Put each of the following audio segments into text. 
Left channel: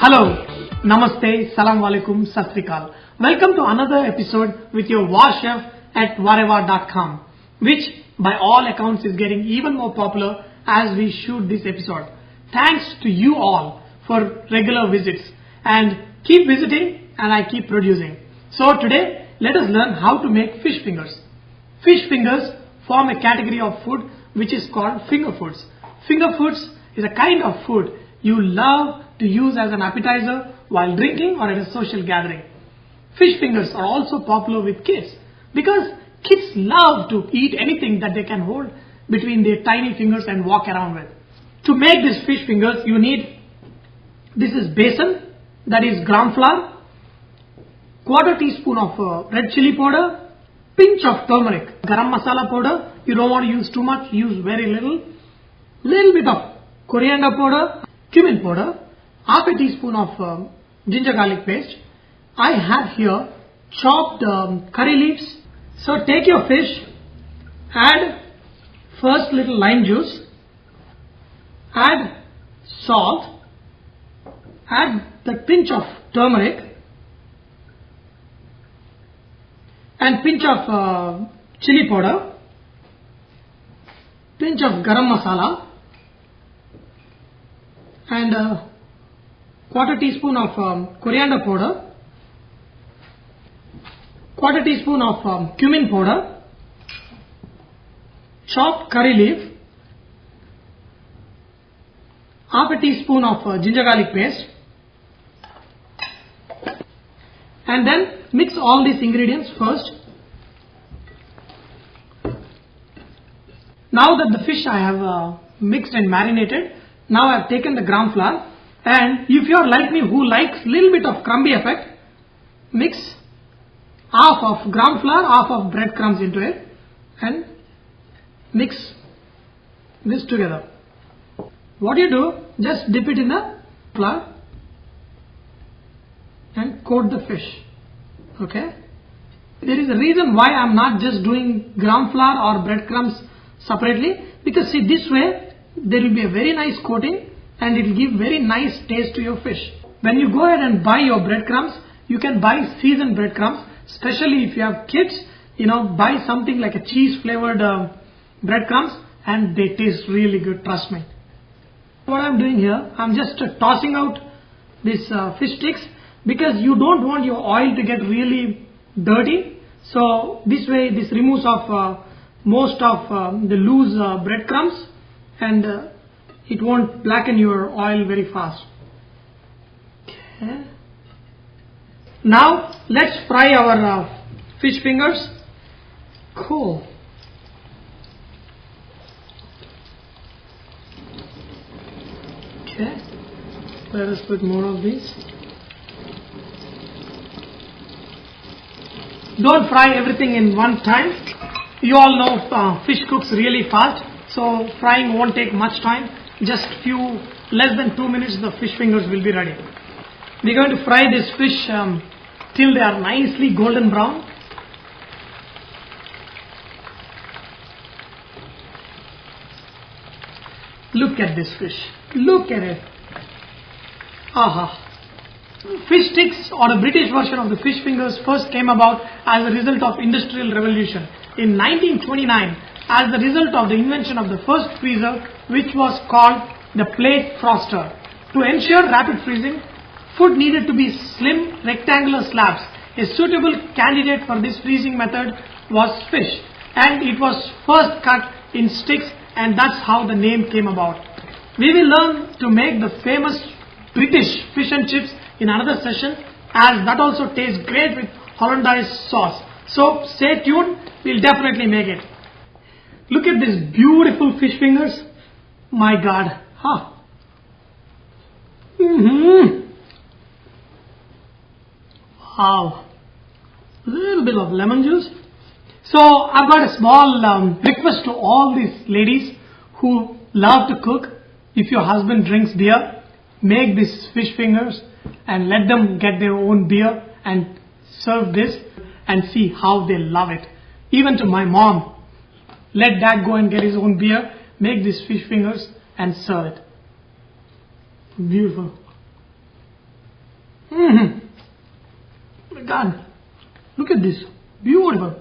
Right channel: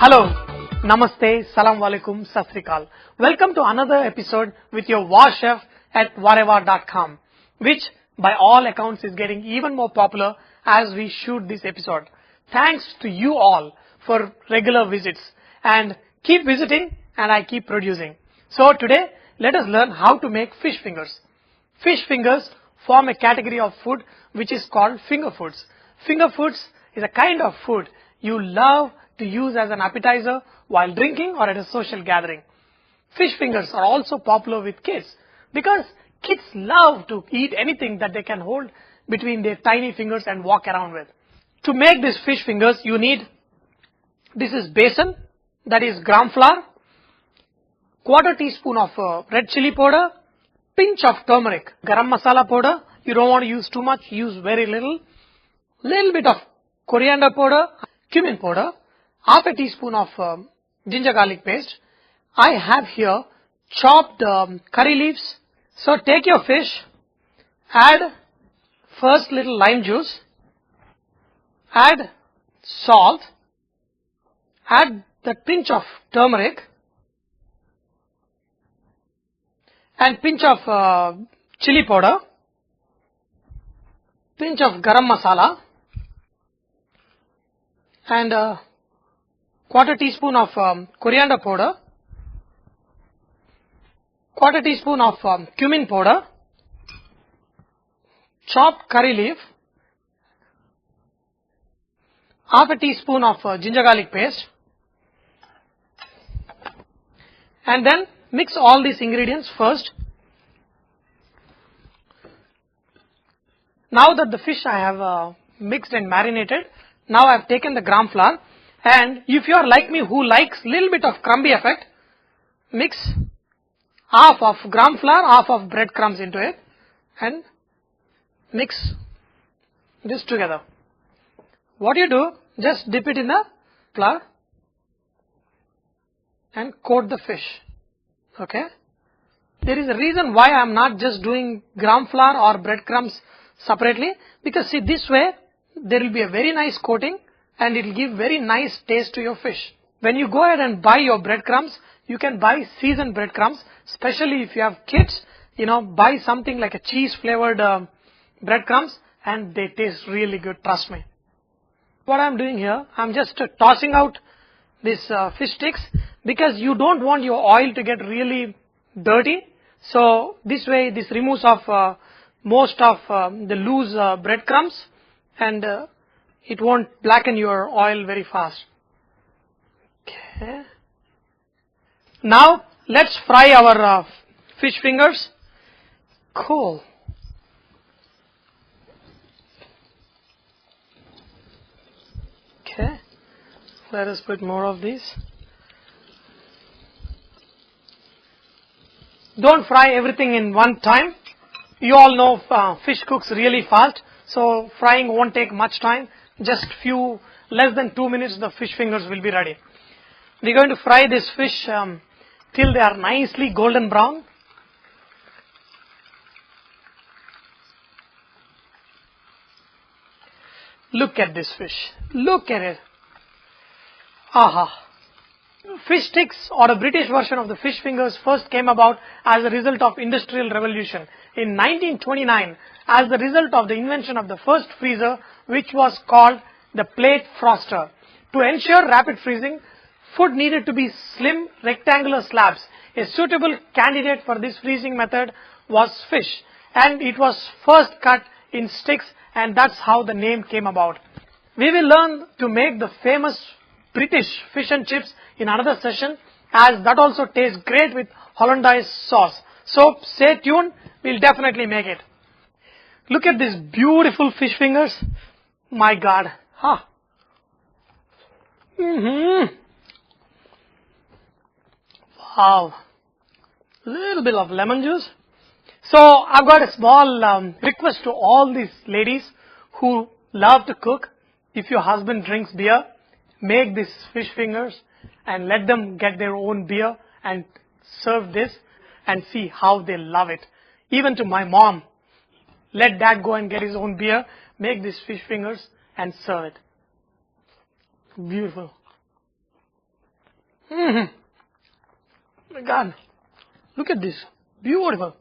Hello, Namaste, Salam Alaikum, Sat Sri Akal. Welcome to another episode with your war chef at Vareva.com, which by all accounts is getting even more popular as we shoot this episode. Thanks to you all for regular visits, and keep visiting and I keep producing. So today let us learn how to make fish fingers. Fish fingers form a category of food which is called finger foods. Finger foods is a kind of food you love to use as an appetizer while drinking or at a social gathering. Fish fingers are also popular with kids because kids love to eat anything that they can hold between their tiny fingers and walk around with. To make these fish fingers, you need, this is besan, that is gram flour, quarter teaspoon of red chili powder, pinch of turmeric, garam masala powder. You don't want to use too much, use very little bit of coriander powder, cumin powder, half a teaspoon of ginger garlic paste. I have here chopped curry leaves. So take your fish, add first little lime juice, add salt, add the pinch of turmeric and pinch of chili powder, pinch of garam masala and quarter teaspoon of coriander powder, quarter teaspoon of cumin powder, chopped curry leaf, half a teaspoon of ginger garlic paste, and then mix all these ingredients first. Now that the fish I have mixed and marinated, now I have taken the gram flour, and if you are like me who likes little bit of crumbly effect, mix half of gram flour, half of breadcrumbs into it and mix this together. What you do, just dip it in the flour and coat the fish. Okay? There is a reason why I am not just doing gram flour or breadcrumbs separately, because see, this way there will be a very nice coating and it will give very nice taste to your fish. When you go ahead and buy your breadcrumbs, you can buy seasoned breadcrumbs, especially if you have kids, buy something like a cheese flavored breadcrumbs and they taste really good, trust me. What I am doing here, I am just tossing out these fish sticks because you don't want your oil to get really dirty. So this way this removes of most of the loose breadcrumbs and it won't blacken your oil very fast. Okay. Now let's fry our fish fingers. Cool. Okay. Let us put more of these. Don't fry everything in one time. You all know fish cooks really fast, so frying won't take much time. Just less than 2 minutes the fish fingers will be ready. We're going to fry this fish till they are nicely golden brown. Look at this fish. Look at it. Aha. Fish sticks, or a British version of the fish fingers, first came about as a result of Industrial Revolution. In 1929, as the result of the invention of the first freezer, which was called the plate froster. To ensure rapid freezing, food needed to be slim rectangular slabs. A suitable candidate for this freezing method was fish, and it was first cut in sticks, and that's how the name came about. We will learn to make the famous British fish and chips in another session, as that also tastes great with Hollandaise sauce. So stay tuned, we'll definitely make it. Look at these beautiful fish fingers. My God. Huh. Wow. A little bit of lemon juice. So I've got a small request to all these ladies who love to cook. If your husband drinks beer, make these fish fingers and let them get their own beer and serve this and see how they love it. Even to my mom, Let Dad go and get his own beer, make these fish fingers and serve it. Beautiful. My God, look at this. Beautiful.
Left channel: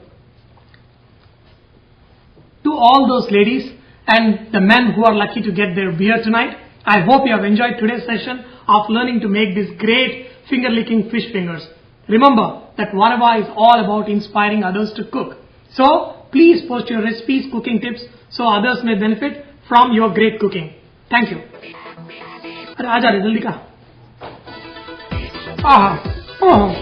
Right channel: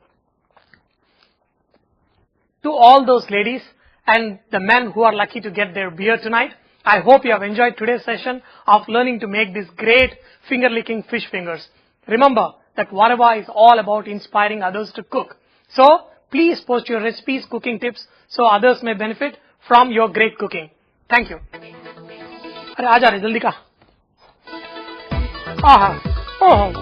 To all those ladies and the men who are lucky to get their beer tonight, I hope you have enjoyed today's session of learning to make these great finger-licking fish fingers. Remember that Vareva is all about inspiring others to cook. So, please post your recipes, cooking tips so others may benefit from your great cooking. Thank you. अरे आजा रे जल्दी का। आहा, ओह